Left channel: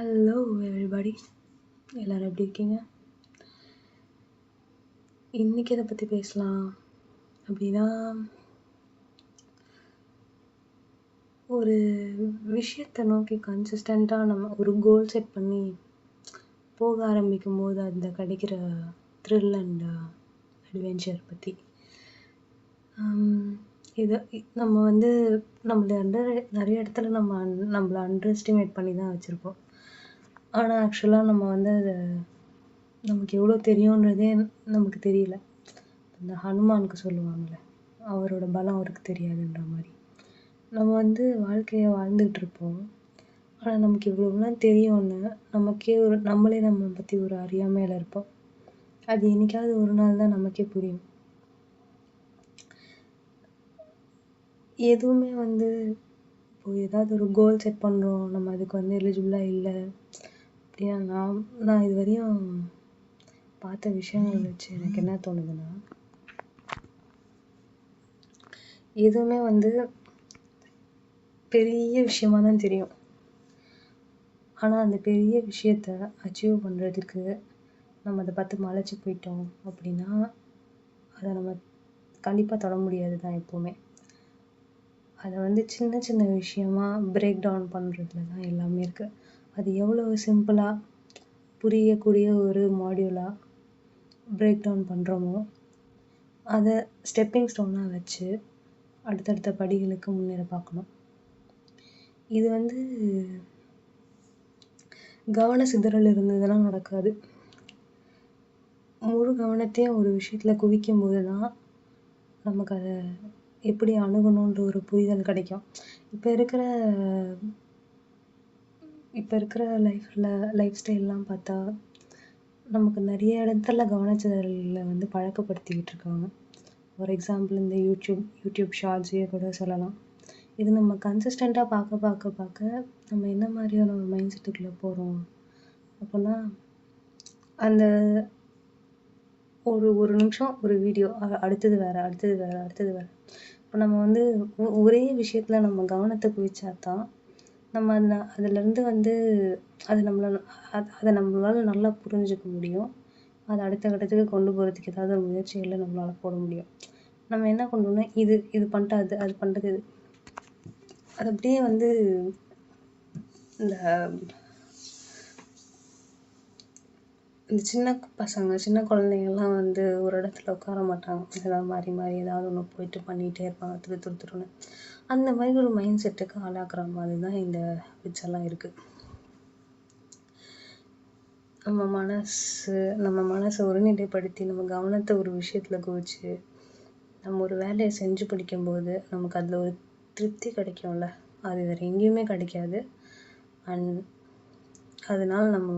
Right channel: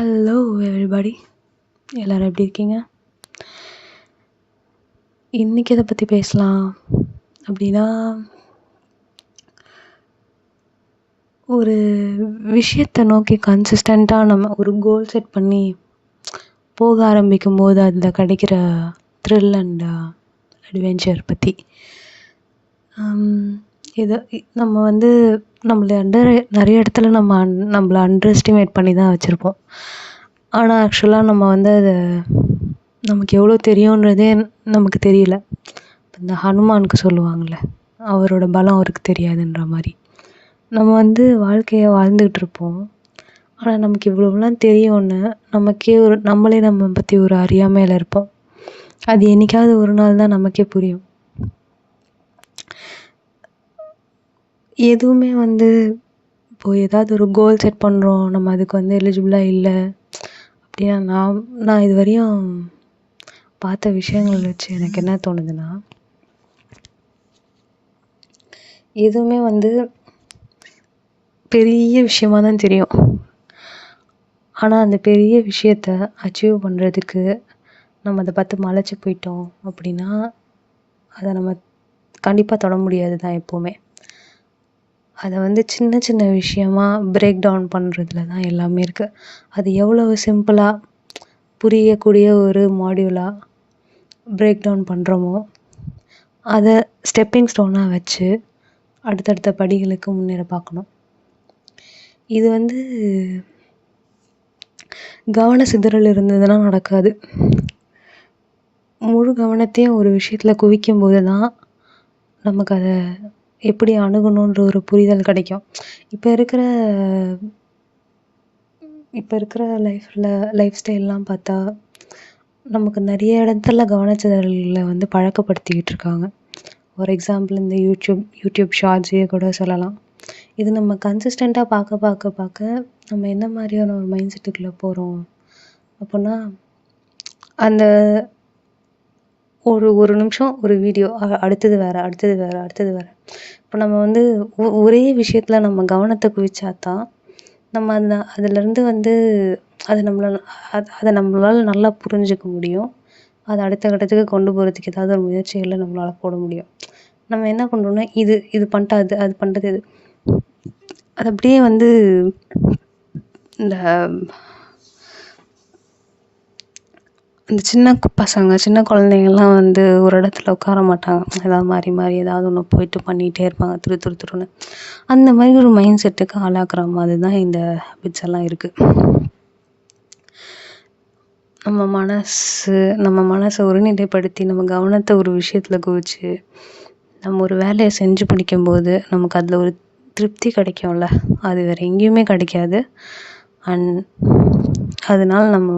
Hello everybody, எல்லோரும் எப்படி இருக்கீங்க? இன்றைக்கி எதை பற்றி பேசலாம் அப்படின்னா, ஒரு விஷயத்தை நோக்கி கன்சிஸ்டண்ட்டாக நம்ம ஒரு கோல் செட் பண்ணி போக ஆரம்பிக்கும் போது அதில் கிடைக்கிற த்ரில் அண்ட் அட்வென்ச்சர் பற்றி. இதை நம்ம நம்மளை நிறைய இடத்துல நம்மளை அண்டர் எஸ்டிமேட் பண்ணி தான் வச்சுருப்போம். ஆனால் ஆக்சுவலாக நம்ம அதை நமக்கு எவ்வளோ தெரியுன்றதே நமக்கு தெரியல. இந்த ஹனுமானுக்கு சொல்லுவாங்கள்ல, அவரோட பலம் அவருக்கு தெரியாதுன்ற மாதிரி. நம்ம வாழ்க்கையை வாழ்ந்துகிட்ருப்போம். ஆனால் நமக்கு இவ்வளோலாம் தெரியும்னு நமக்கே நம்மளே நம்ம பற்றி ஒரு அறியாமையில் இருப்போம். அது என்றைக்காவது ஒரு நாள் தான் நமக்கே புரியும். எதுவுமே இப்போது ஏதாவது ஒரு கோல் செட் பண்ணுறோம், நம்ம அதுக்கு எலிஜிபிளாக இல்லை அப்படின்னா, நான் இது வரையும் பார்த்த விஷயங்கள் வச்சு எனக்கு என்ன தோணுதுன்னா, எதுவுமே பெரிய விஷயமாக தான் தெரியும். ஆனால் அந்த பெரிய விஷயத்த அச்சீவ் பண்ணுறதுக்கு நம்ம அதை பார்த்து மலைச்சு போயிட்டோம் அப்படின்னா, அதை நம்ம கண்டிப்பாக தொட முடியாது தான் எப்போவுமே. அதை சின்ன சின்ன விஷயமா பிரேக் டவுன் பண்ணுறதுல தான் எல்லாமே இருக்குது. அது எவ்வளவு சிம்பிளாக புரியக்கூடிய ஒரு மாடியூலாக பிரேக் டவுன் பண்ணுறோமோ, அதை ஸ்டெப்பிங் ஸ்டோனாக வச்சு அடுத்தடுத்த படிகளுக்கு முன்னேற பார்க்கணும். இது கவன சிதறல் இருந்ததுன்னா நடக்காது. முழு கவனத்தையும் ஒரு விஷயத்தில் குவிக்கும் போது தான் நமக்கு அதை எப்படி அணுகணுன்ற ஒரு புரிதல் கிடைக்கும். இப்போ இருக்கிற லைஃப் ஸ்டைல்லாம் பார்த்தா நமக்கு நிறைய இடத்துல கவனச்சிதறல்களை பழக்கப்படுத்திக்கிட்டு இருக்காங்க. ஃபார் எக்ஸாம்பிள் இந்த யூடியூப் ஷார்ட்ஸே கூட சொல்லலாம். இது நம்ம கன்சிஸ்டண்ட்டாக பார்க்க நம்ம என்ன மாதிரியான ஒரு மைண்ட் செட்டுக்குள்ளே போகிறோம் அப்படின்னா, அந்த ஒரு நிமிஷம் ஒரு வீடியோ, அடுத்தது வேறு. இப்போ நம்ம ஒரே விஷயத்தில் நம்ம கவனத்தை குவிச்சா தான் நம்ம அதிலேருந்து அதை நம்மளால் நல்லா புரிஞ்சுக்க முடியும். அதை அடுத்த கட்டத்துக்கு கொண்டு போகிறதுக்கு ஏதாவது ஒரு முயற்சிகளை நம்மளால் போட முடியும். நம்ம என்ன பண்ணுறோன்னா, இது பண்ணிட்டா அது பண்ணுறது இது, அது அப்படியே இந்த சின்ன பசங்க சின்ன குழந்தைங்கள்லாம் ஒரு இடத்துல உட்கார மாட்டாங்க. ஏதாவது மாறி ஏதாவது ஒன்று போயிட்டு பண்ணிகிட்டே இருப்பாங்க, துருன்னு. அந்த மாதிரி ஒரு மைண்ட் செட்டுக்கு ஆளாக்குற மாதிரி தான் இந்த ஹேபிட்ஸ் எல்லாம் இருக்குது. நம்ம மனசை ஒருநிலைப்படுத்தி நம்ம கவனத்தை ஒரு விஷயத்தில் குவிச்சு நம்ம ஒரு வேலையை செஞ்சு முடிக்கும்போது நமக்கு அதில் ஒரு திருப்தி கிடைக்கும்ல, அது வேறு எங்கேயுமே கிடைக்காது. அண்ட் அதனால நம்ம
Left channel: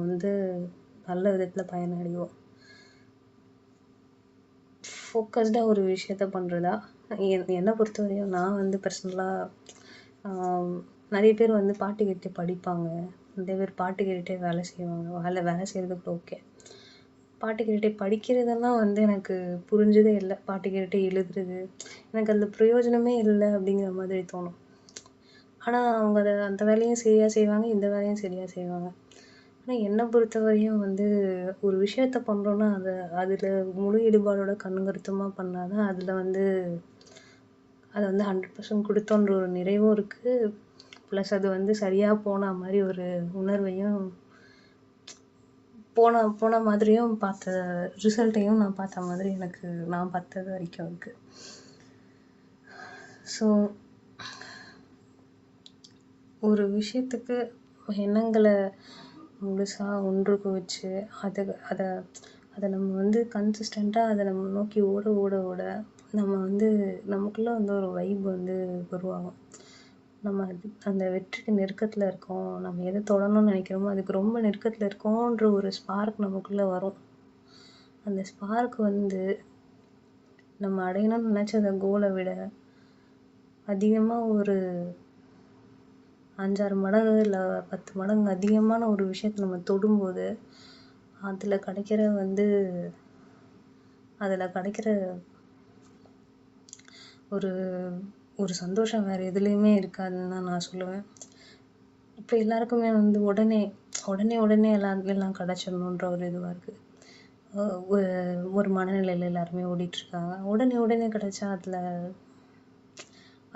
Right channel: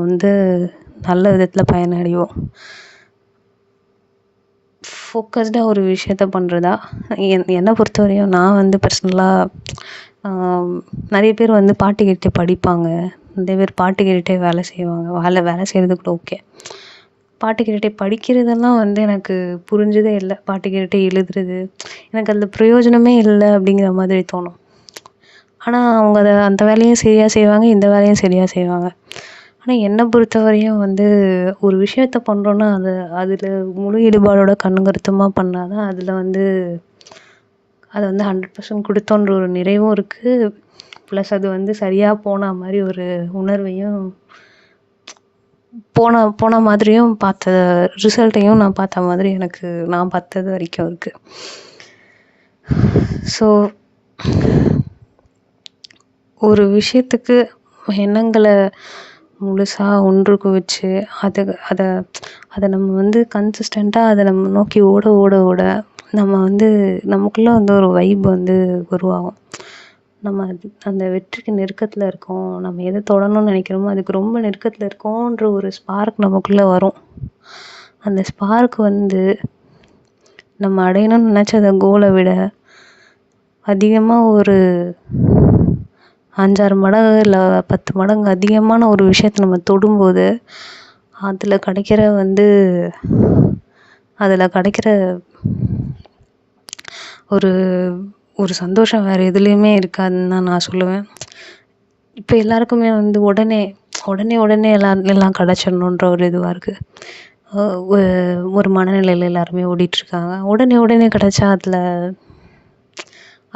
நல்ல விதத்தில் பயனடைவோம். ஃபோக்கஸ்டாக ஒரு விஷயத்த பண்ணுறதா என்னை பொறுத்தவரையும் நான் பர்சனலாக நிறைய பேர் பாட்டு கேட்டு படிப்பாங்க, நிறைய பேர் பாட்டு கேட்டுகிட்டே வேலை செய்வாங்க. வேலை செய்கிறது கூட ஓகே. பாட்டு கேட்டுகிட்டே படிக்கிறதெல்லாம் எனக்கு புரிஞ்சதே இல்லை. பாட்டு கேட்டுகிட்டே எழுதுறது எனக்கு அதில் பிரயோஜனமே இல்லை அப்படிங்கிற மாதிரி தோணும். ஆனால் அவங்க அந்த வேலையும் சரியாக செய்வாங்க, இந்த வேலையும் சரியாக செய்வாங்க. ஆனால் என்னை பொறுத்தவரையும் ஒரு விஷயத்த பண்ணுறோன்னா அதில் முழு ஈடுபாடோட கண்ணுங்கருத்துமாக பண்ணால் தான் அதில் அதை 100% கொடுத்தோன்ற ஒரு நிறைவும் இருக்குது. ப்ளஸ் அது சரியாக போன மாதிரி ஒரு உணர்வையும் போன மாதிரியும் பார்த்த ரிசல்ட்டையும் நான் பார்த்த மாதிரி நான் பார்த்தது வரைக்கும் இருக்குது. ஸோ ஒரு விஷயத்துக்கு எண்ணங்களை முழுசாக ஒன்று குவிச்சு அதை நம்ம கன்சிஸ்டண்ட்டாக அதை நம்ம நோக்கி ஓட நம்ம நமக்குள்ளே ஒரு வைப் உருவாகும். நம்ம அந்த வெற்றிக்கு நெருக்கத்தில் இருக்கோம், நம்ம எதை தொடணும்னு நினைக்கிறோமோ அதுக்கு ரொம்ப நெருக்கத்தில் இருக்கோன்ற ஒரு ஸ்பார்க் நமக்குள்ளே வரும். அந்த ஸ்பார்க் நம்ம அடையணும்னு நினச்ச கோலை விட அதிகமாக ஒரு 5-6 மடங்கு இல்லை 10 மடங்கு அதிகமான ஒரு விஷயத்தை நம்ம தொடும்போது அதில் கிடைக்கிற ஒரு சந்தோஷம் வேறு எதுலேயுமே இருக்காதுன்னு தான் நான் சொல்லுவேன். இப்போ எல்லாருக்குமே உடனே உடனே உடனே எல்லாம் கிடச்சிடணுன்ற ஒரு இதுவாக இருக்குது. ஒரு மனநிலையில் எல்லாருமே ஓடிட்டுருக்காங்க. உடனே உடனே கிடச்சா அதில்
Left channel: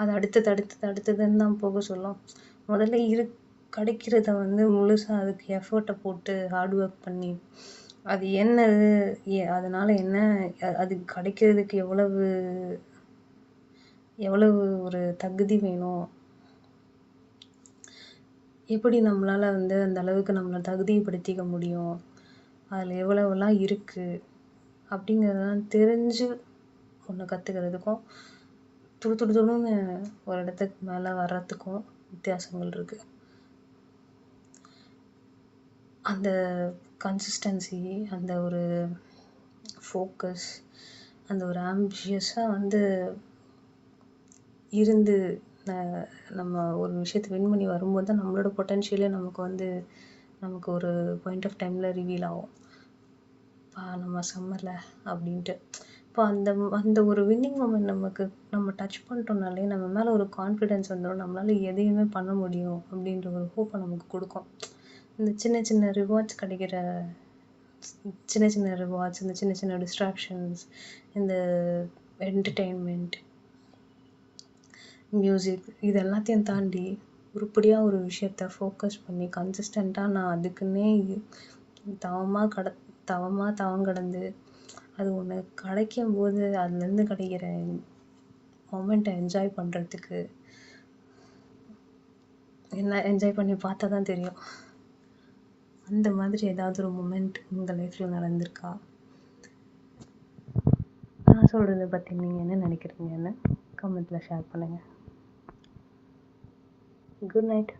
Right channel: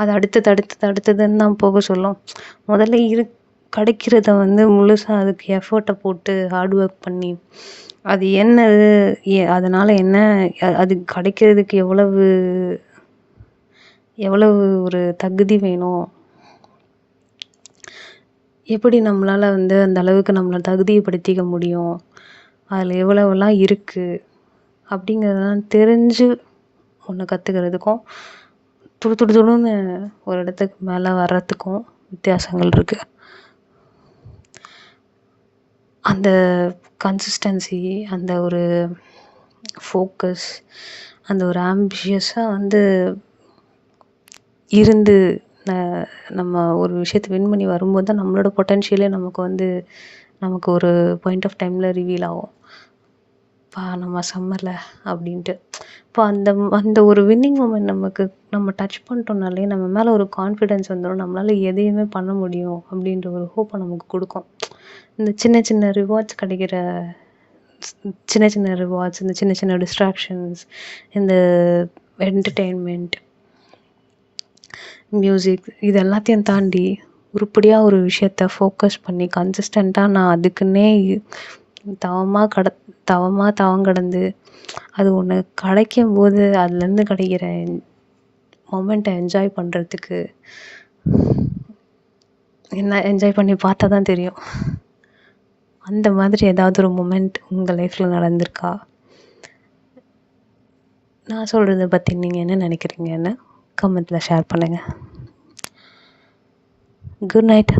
அது அடுத்ததுன்னு தான் போக சொல்லும். முதல்ல கிடைக்கிறத வந்து முழுசாக அதுக்கு எஃபோர்ட்டை போட்டு ஹார்ட் ஒர்க் பண்ணி அது என்னது, அதனால் என்ன, அது கிடைக்கிறதுக்கு எவ்வளவு ஒரு தகுதி வேணும், எப்படி நம்மளால் வந்து அந்த அளவுக்கு நம்மளை தகுதிப்படுத்திக்க முடியும், அதில் எவ்வளவெல்லாம் இருக்குது அப்படிங்கிறதெல்லாம் தெரிஞ்சு ஒன்று கற்றுக்கிறதுக்கும் துடுன்னு ஒரு இடத்துக்கு மேலே வர்றதுக்கும் வித்தியாசங்கள் இருக்குது. அந்த கன்சிஸ்டன்சி, அந்த ஒரு ஃபோக்கஸ், அந்த ஒரு ஆம்பிஷியஸாக வந்து இருந்து நம்ம ஒரு விஷயத்தை வின் பண்ணி வரும்போது தான் நம்மளோட பொட்டென்ஷியலே நமக்கு ஒரு பாயிண்ட் ஆஃப் டைமில் ரிவீல் ஆகும். நம்ம சம்மரில் அப்படின்ட்டு. இப்போ அந்த ஒரு வின்னிங் மூமெண்ட் நம்ம டச் பண்ணிட்டோம்னாலே நம்ம மேலே ஒரு கான்ஃபிடென்ஸ் வந்துடும். நம்மளால் எதையுமே பண்ண முடியும் அப்படின்ற ஒரு ஹோப்பை நமக்கு கொடுக்கும். இந்த சின்ன சின்ன ரிவார்ட்ஸ் கிடைக்கிற சின்ன சின்ன ரிவார்ட்ஸ், இந்த சின்ன சின்ன டிஸ்ட்ராக்ஷன்ஸ், இந்த என்டர்டெயின்மெண்ட், மியூசிக், இது எல்லாத்தையும் தாண்டி உருப்படியாக ஒரு விஷயத்த ஃபோக்கஸ் பண்ணி கன்சிஸ்டண்ட்டாக நான் அதுக்குன்னே தவம் கடந்து அது ஒன்று கிடைக்கும்போது அதுலேருந்து கிடைக்கிற மொமெண்ட்டை என்ஜாய் பண்ணுறதுக்கு என்ன என்ஜாய் பண்ணி பார்த்தா தான் தெரியும். அந்த மாதிரி ஏதாவது ஒரு மொமெண்ட் உங்கள் லைஃப்பில் நடந்திருக்கா? நான் சொல்கிறத பற்றி நீங்கள் என்ன நினைக்கிறீங்கன்னு கமெண்ட்டில் ஷேர் பண்ணுங்கள். Good night.